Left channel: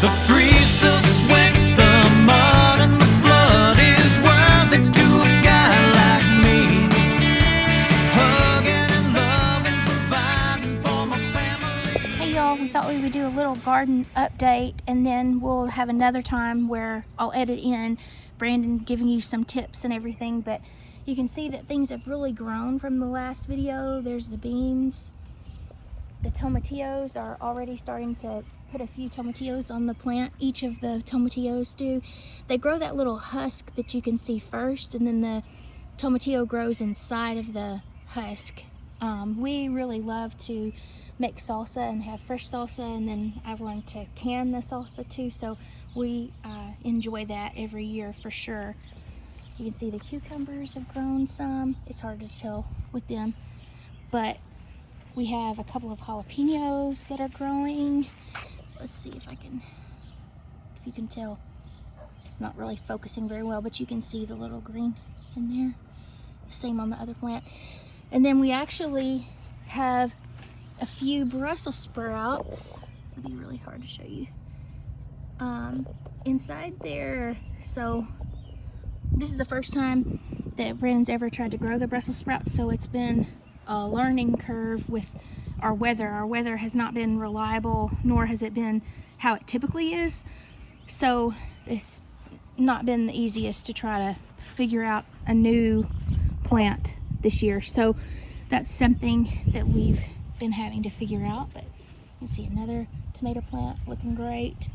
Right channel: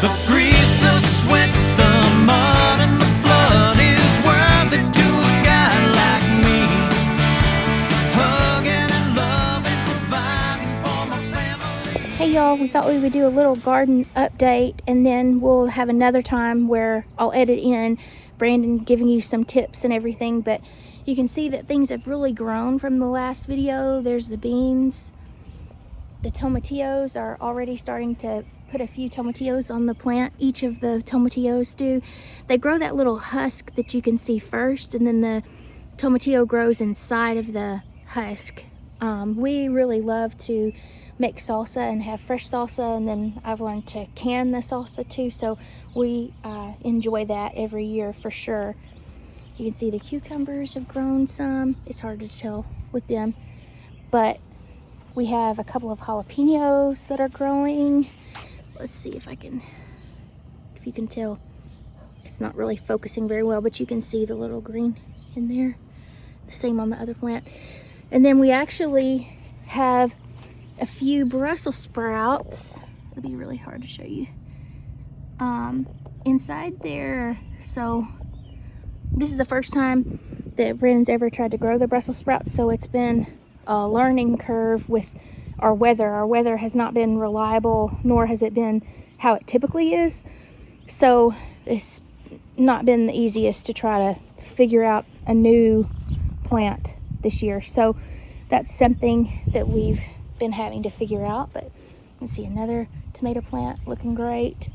The grease, the sweat, the mud, and the blood is worth it to a guy like me. Hugging and loving, providing for my family. Hey y'all, we thought we would do a little garden update, and then we'll have another time where I'll edit in Brandon giving you some tips and everything. But you can see that things have really grown from the last video. There's the beans. The tomatillos are already starting to put a few tomatillos on the plant. Each of the tomatillos do. They grow that little husk that you can see first, and then the tomatillo grows inside of the husk. We really love to make salsa and have fresh salsa, and then I've learned to can the salsa too, so we enjoy that every year for sure. You can see the cucumbers have grown some. It's hard to tell with them, but we have a couple of jalapenos that are growing. Let's see if you can tell. It's not really focusing very well, but you can see the little green in there. The same on the other plant. And then we actually have a few Brussels sprouts. It'll be really hard to show you. Inside there. So this is the first time that Brandon's ever tried to grow the Brussels sprouts, so it's been a learning curve with our weather. Our weather has not been reliable, nor has it been how it typically is. So it's not been the easiest to try to figure out a new plant this year. So that's something that we've been having to figure out. But let's see, another tomato plant looking great.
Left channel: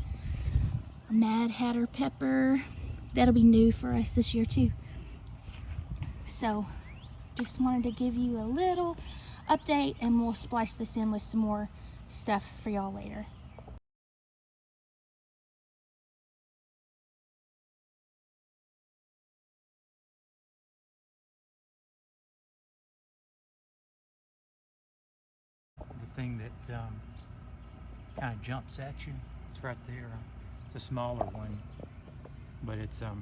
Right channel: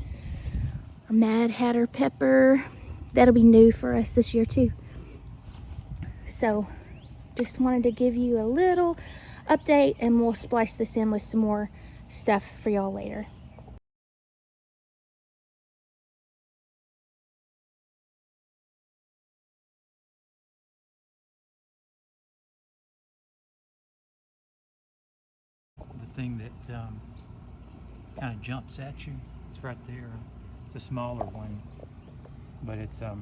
A Mad Hatter pepper. That'll be new for us this year too. So just wanted to give you a little update, and we'll splice this in with some more stuff for y'all later. The thing that kind of jumps at you, it's right there. It's a smaller one, but it's a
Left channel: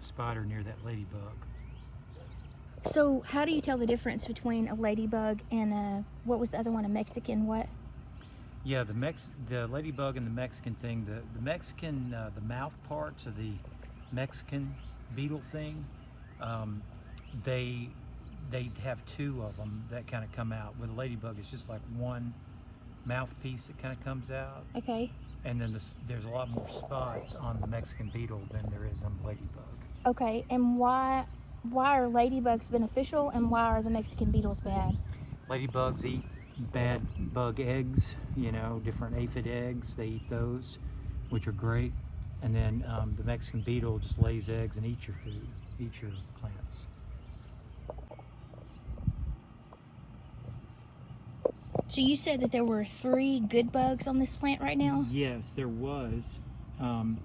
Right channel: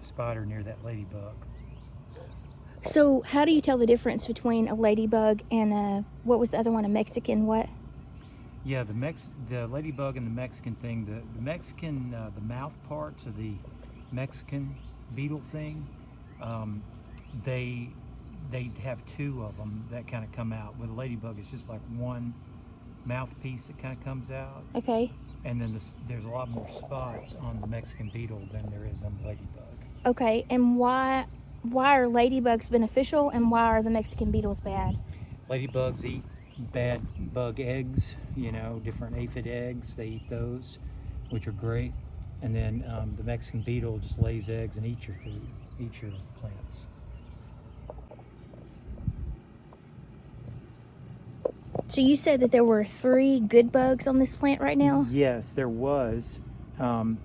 spider near that ladybug. So how do you tell the difference between a ladybug and what was the other one, a Mexican what? Yeah, the ladybug and the Mexican thing, the Mexican, the mouth parts of the Mexican beetle thing, they have two of them that kind of come out. With a ladybug, it's just like one mouthpiece that kind of comes out. Okay. And then there's a lot more spots on the Mexican beetle than there is on the ladybug. Okay, and why are ladybugs beneficial and why are the Mexican beetles bad? Ladybugs eat bad bug eggs, you know, different aphid eggs. They eat those, which are great. And then the Mexican beetle just lays eggs and eats your food, eats your plants. So you said that there were 3 good bugs on this plant right now? Yes, there was. Make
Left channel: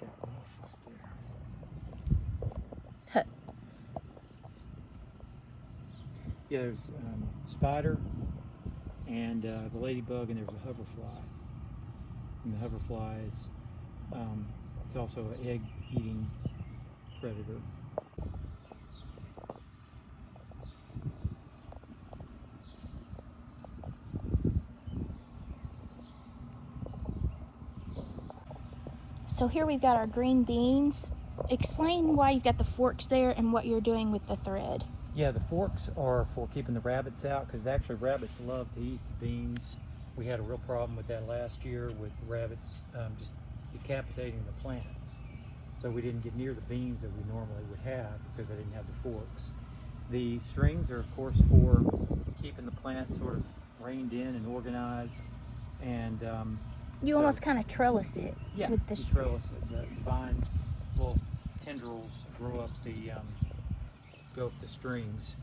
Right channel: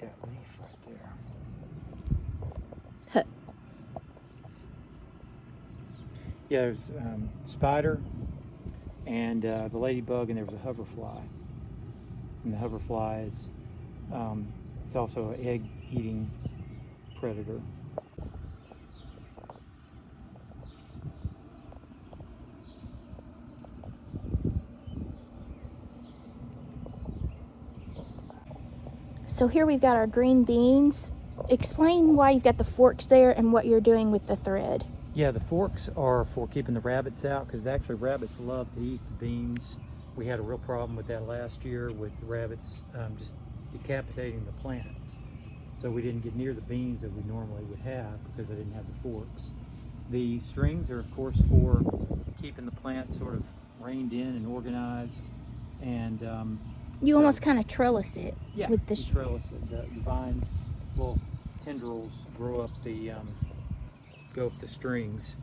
that leaf right there. Yeah, there's spider and the ladybug, and there was a hoverfly. And the hoverfly is it's also an egg-eating predator. So here we've got our green beans. Explain why you've got the forks there and what you're doing with the thread. Yeah, the forks are for keeping the rabbits out, because actually rabbits love to eat the beans. We had a real problem with that last year with the rabbits just decapitating the plants. So we didn't get near the beans that we normally would have because they didn't have the forks. The strings are of course for keeping the plants sort of reined in and organized, and You almost kind of trellis it. yeah, with the trellis, the vines, little tendrils grow up go up the strings.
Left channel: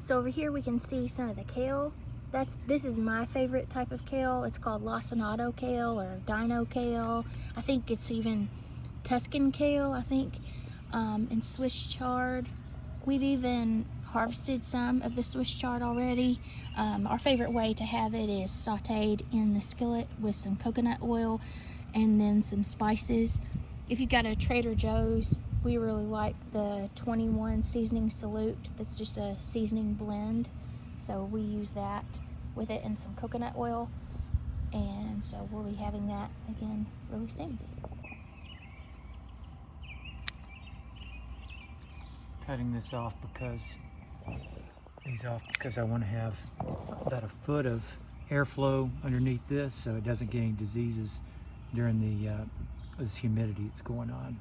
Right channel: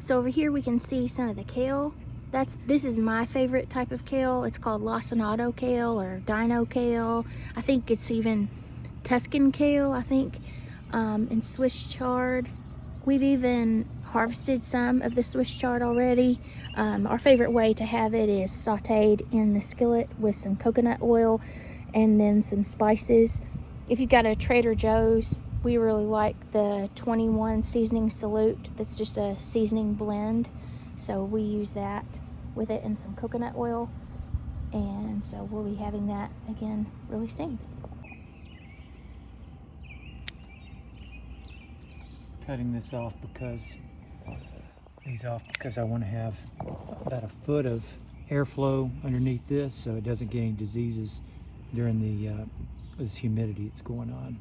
So over here we can see some of the kale. This is my favorite type of kale. It's called lacinato kale or dino kale. I think it's even Tuscan kale, I think, and Swiss chard. We've even harvested some of the Swiss chard already. Our favorite way to have it is sauteed in the skillet with some coconut oil and then some spices. If you've got a Trader Joe's we really like the 21 seasoning salute. That's just a seasoning blend, so we use that with it and some coconut oil, and so we'll be having that again really soon. Cutting this off because I want to have about a foot of airflow underneath this, so it doesn't get any diseases during the this humidity that's going on.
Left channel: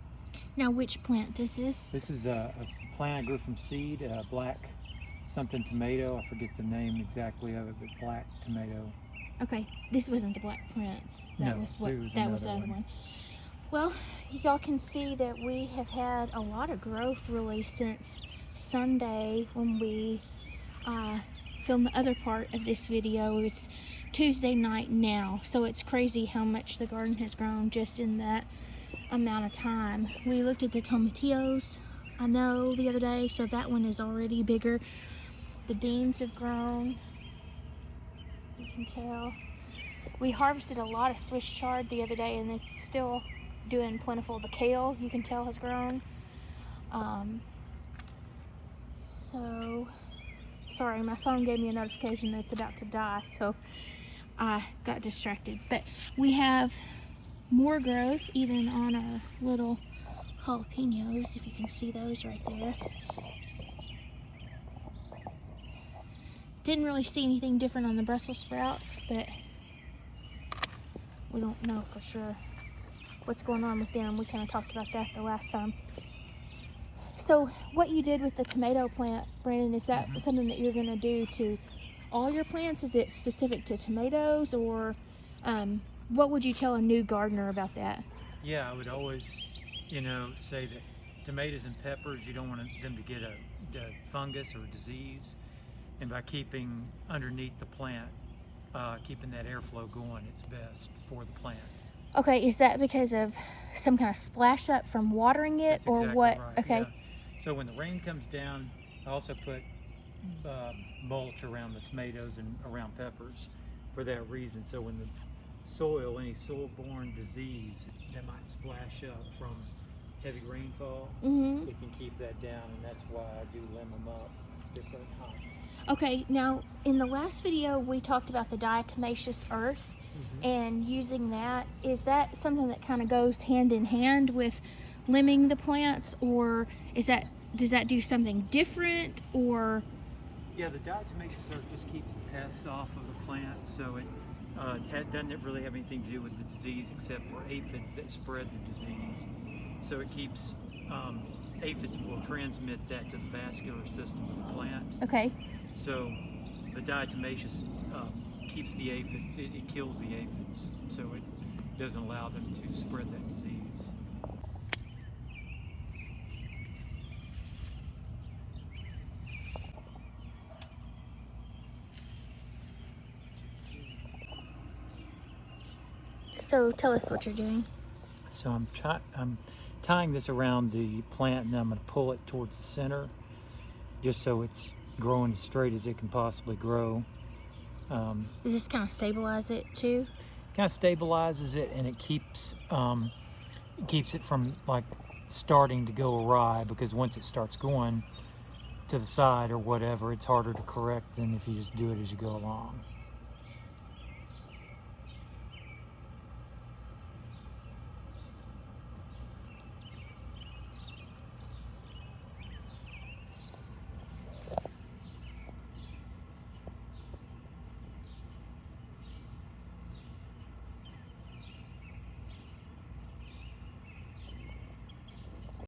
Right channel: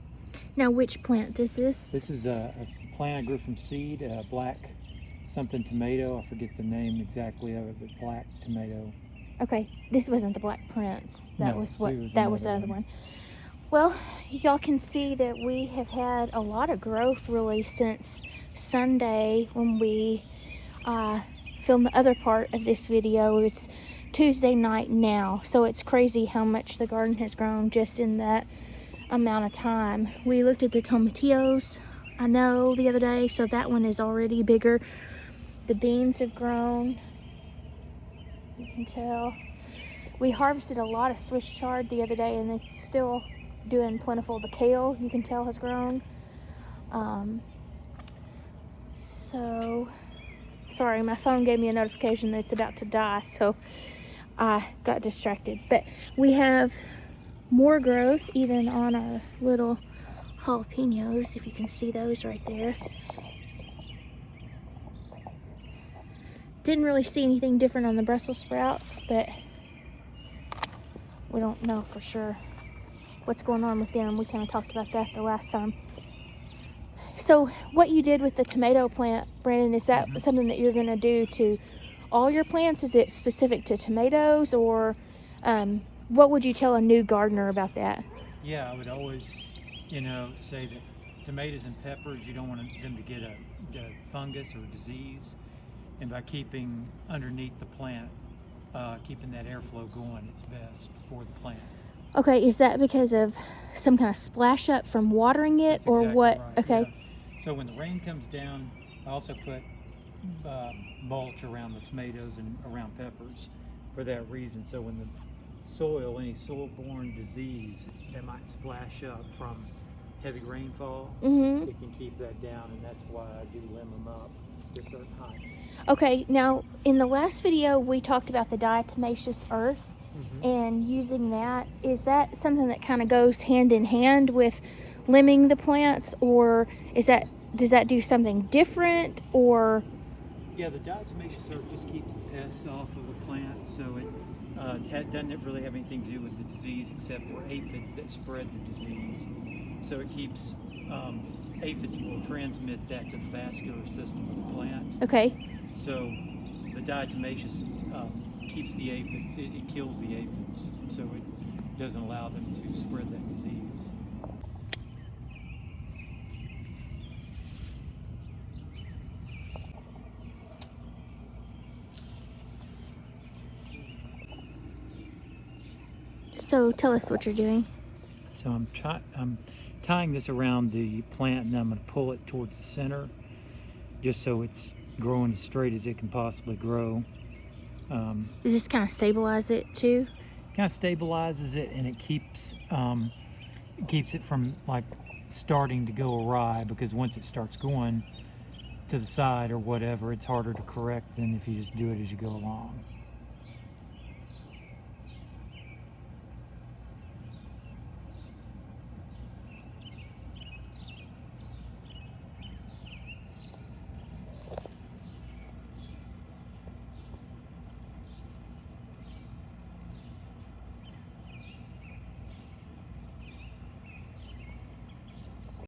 Now, which plant is this? This is a plant I grew from seed, a black something tomato. I forget the name exactly of it, but black tomato. Okay, this wasn't the Black Prince. That No, was so what. it was That was the another other one. one. Well, y'all can see that we have had a lot of growth really since Sunday when we filmed the other part of this video. It's Tuesday night now, so it's crazy how much the garden has grown just in that amount of time. We looked at the tomatillos, I know, the other day, so that one is already bigger. The beans have grown, you can tell. We harvested a lot of Swiss chard the other day, and it's still doing plentiful. The kale, you can tell, has grown. So sorry, my phone gave me a notification that it's about to die, so I got distracted. But we have more growth even on our little jalapenos, if you can see those right there. Didn't really see anything different on the Brussels sprouts, but we don't know for sure what's going on with them. We kind of talked about that the last time. So what you did with the tomato plant, Brandon, is that something that you're going to do to all your plants? Is it specific to tomatoes, or what would you tell a new gardener about that? Yeah, I would always, say that tomatoes and peppers, you don't want them to get a fungus or a disease. And by keeping underneath the plant, keeping that airflow going, it's best for the plant. Okay, is that because of some kind of splash up from watering it? That's or exactly what? right. Okay. Yeah. So when the rain comes down, I also put mulch around the tomatoes and around peppers for that reason. So when the soil, any soil-borne disease that might splash up from heavy rainfall, Mm-hmm. it can keep that down, and that's why I do limb them up just that time. Okay, now in the last video we talked about the diatomaceous earth and using that. Is that something that kind of goes hand in hand with limbing the plants, or does that do something different, or? Yeah, the diatomaceous earth just keeps the pests off of the plant, so it doesn't really have anything to do with the disease except for aphids that spread the disease. So it keeps, aphids will transmit that to the vascular system of the plant. Okay. So the diatomaceous keeps the aphids, it kills the aphids, so it doesn't allow them to spread that disease. So tell us what you're doing. So I'm tying this around the plant, and then I'm going to pull it towards the center, just so it's growing as straight as it can possibly grow. Does this kind of stabilize it too? Kind of stabilizes it, and it keeps it from like starting to go awry, because once it starts going to the side or whatever, it's harder to correct than if you just do it as you go along.